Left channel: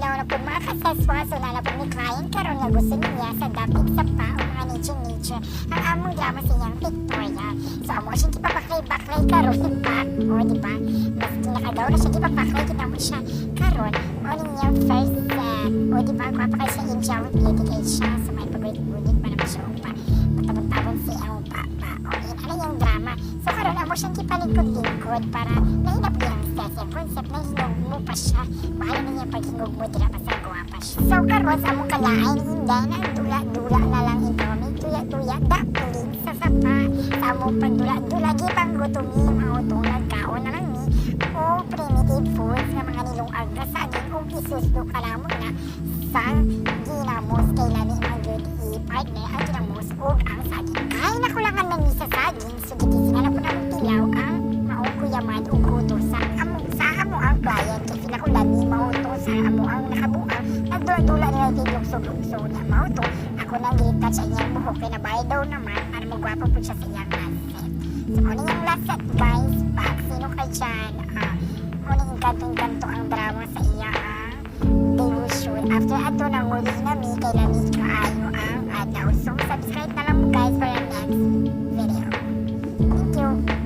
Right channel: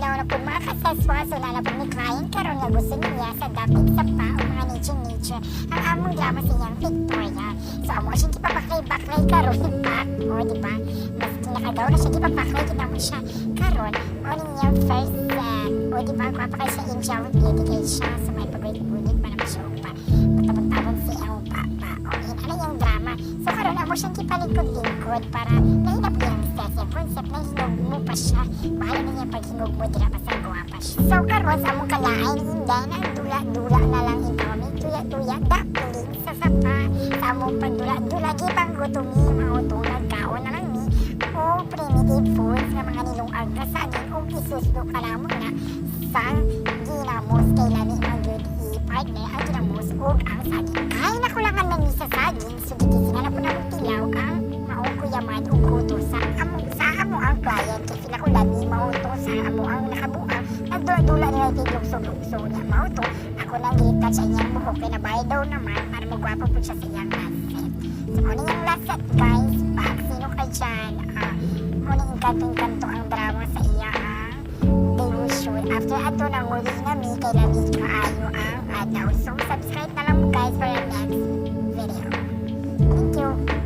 adlaw na po mga kasaswaso na na po ni client karon nga gusto niya sa dapit sa pa o mga nature ang among drama sa iyang pictorial. So amo siya gipapaklay-baklay karon pa o di ba? Mas kinakadaw na siya gipapaklay kita mo siya karon o niyang first set o di ba kapakay siya in shower dedicate siya sa may pagwit-wit pa naman siya pa matabang-tabang si ang papa o in ano yung drama. So karon amo siyang gipalikod-likod para nahinap yung set yung concept na hinog mo pa siya mahal na niya paghingog mo dira pa sa guwapa siya. So karon sa among kalain inday na dula-dula na lang ikaw may tuya-tuya dapiling sa sapa sa among pagdula-dula gipang gutumi mautong nagkaon na lang ni o primitive foods nga mga nilungag na saging o isusdo ka na mo na sa ginamos kay lani mga good i-partner ang ginamos o ang saging. Ay nakulangan na ni sa saging so gitising na po na mong tilaw ang maong kuyaman o kuto sa amo ang client kasi nakulan ni mauto sa amo ang nakabuang nagdula-dula nila tiglugso-lugso na mauto ako nang gilitat sa inyang buhok kaya nabayad daw naman para magwapo po siya sa iyang last set. So ano yung last set guys back sino kay dyan ano yung kanto-kanto ang drama sa iya ang devotion after ato nang uli na mi kay lamig kaayo ang adlaw. So subscribe na lang mo guys for our next video. Thank you.